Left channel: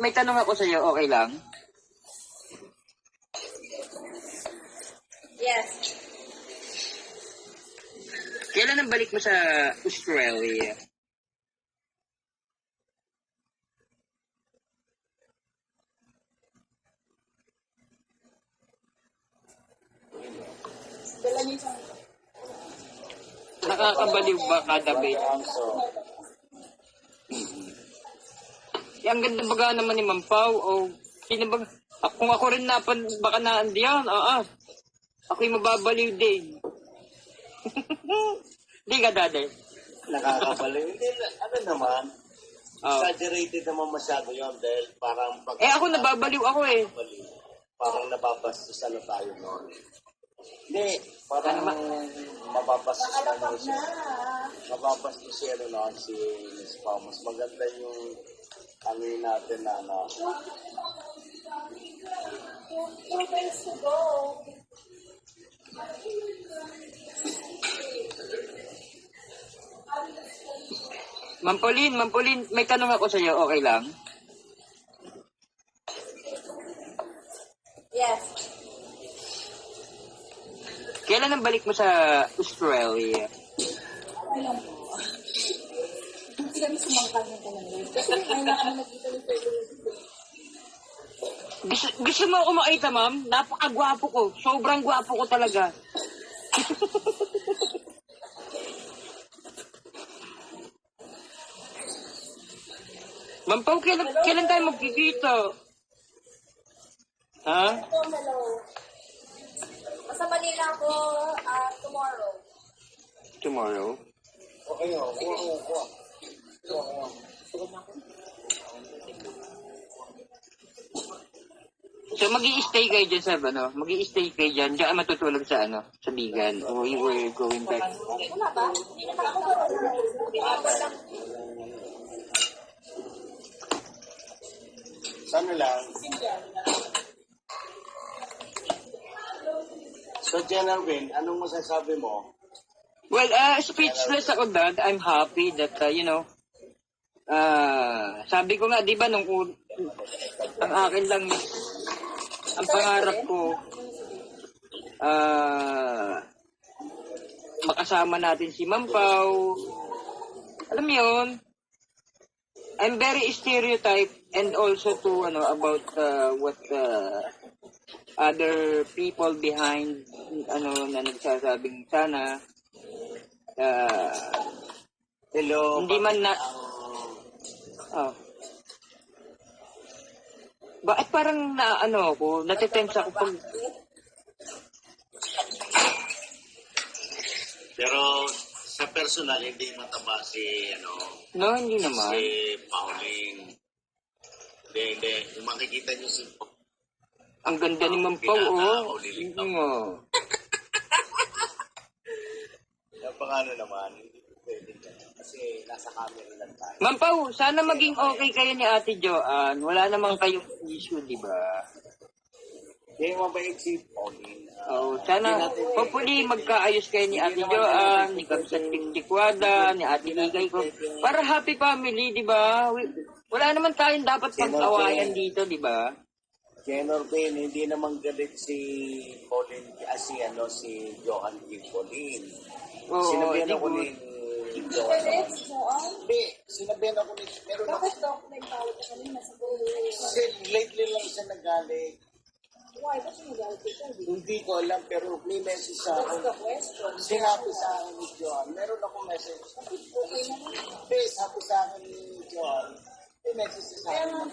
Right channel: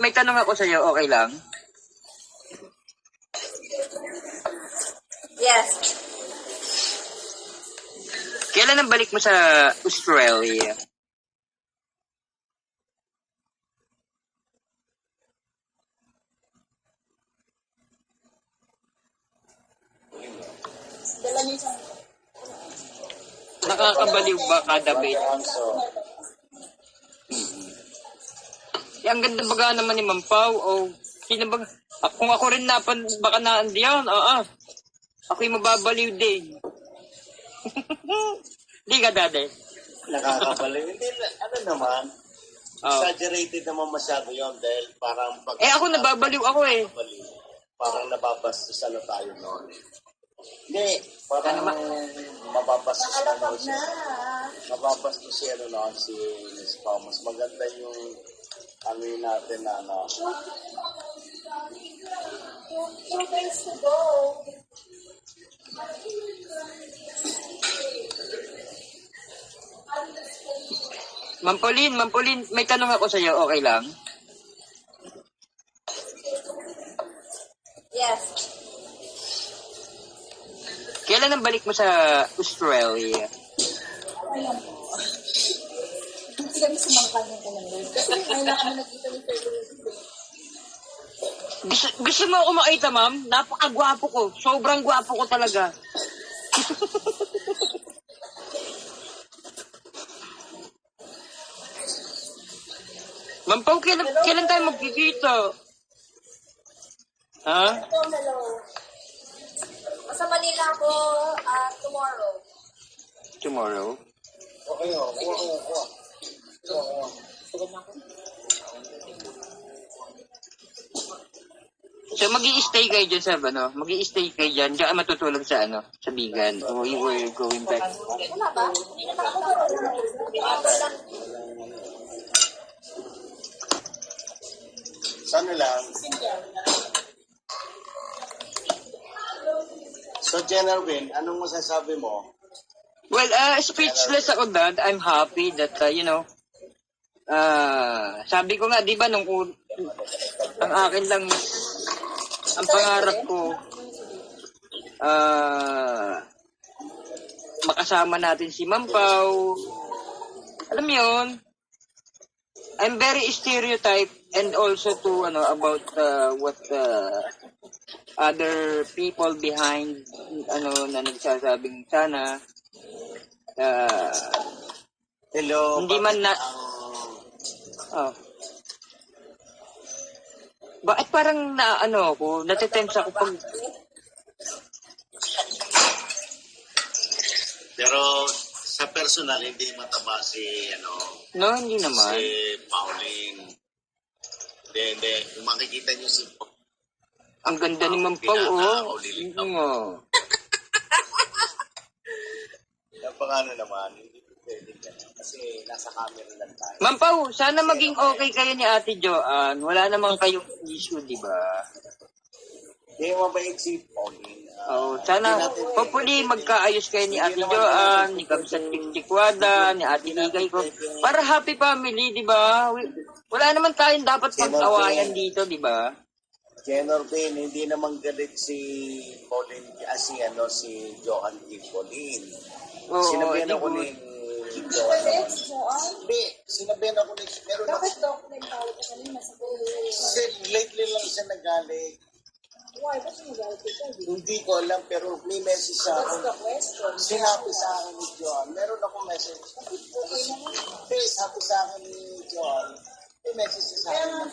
May tanong ako sa iyo, okay lang? Yes. Kailan ang balik mo sa Australia? Dala niyo siya. Nakakabaliw ba kada bait? Ang ganda baga naman ni Ma'am Pao, o sino ba? Kung ako rin baka naandiyan, ako'y mababaliw din. Di ka, Dade? Nakakabaliw. Hindi, ano naman, exaggerated naman masyado yun dahil parang... Ako nababaliw ako eh. Parang nababastos na tayo noon. Hindi, parang mababastos na noon siya. Mababastos siya noon si Miss Thomas. Maganda yung ano natin na ano. 2 days to go. Ma'am Pauline, may tanong ako sa iyo, okay lang? Yes. Kailan ang balik mo sa Australia? Hindi kami sumangkal ng kalamay. Kasi ngayon na kami nakita ni February. Gusto mo ako makita, ma'am? Napakagwapo ko. Sobrang gwapo ko talaga. Ma'am Pao, kailan tayo magkikita? Ha? Hello. Sa Manila ako tomorrow. Tomorrow? Okay o, So, mag-i-stay kayo dyan sa, mag-i-stay kayo dyan, diyan matutulog sa, sa Bigan. Or you were going back? Wala ba? Hindi naman ako sana lang. So, General Win, anong masasabi mo? Well, speechless ako, Dad. I'm happy that, sabi ko nga, di ba, ang akin lang, ang pangarap ko, makasama natin si Ma'am Pao. Alam mo yun, I'm very stereotype and also to, about what other people behind, na nagsasabing sana, Hello. hindi man na, bakit parang natitense ako pag... Pero sa personal, hindi mataba si, No, hindi naman. si Pauline. Hindi. Kung makikita niyo si... Ang ganda ni Ma'am Pao, Napakano naman, hindi pwede yan. Kasi nasa camera lang tayo. Ma'am Pao, sana maging okay kayo ni Ate Joanne. Wala namang kayong issue, di ba? Hindi mabait si Pauline. Sana, hopefully, magkaayos kayo ni Ate Joanne, ni Kamsat Tiktikwada, ni Ate Ligay ko. Para happy family, di ba? Wala naman tayong dapat pag-awayan dito, di ba? General Ben, hindi naman galit si Pauline, si Johan T. Pauline. Sinabihan ako ni Johan. Hindi, sinabihan ako ni... Meron ako... Bakit ako nagtawag ka kanina sa buhay? Kasi lately lang siya nagalit. Why? Ba't yung nagalit ito? Hindi ko alam, pero may message sa akin. Sinabi sa akin ni Johan. Meron akong message. Hindi, sabi sa akin ni Johan. May message sa akin.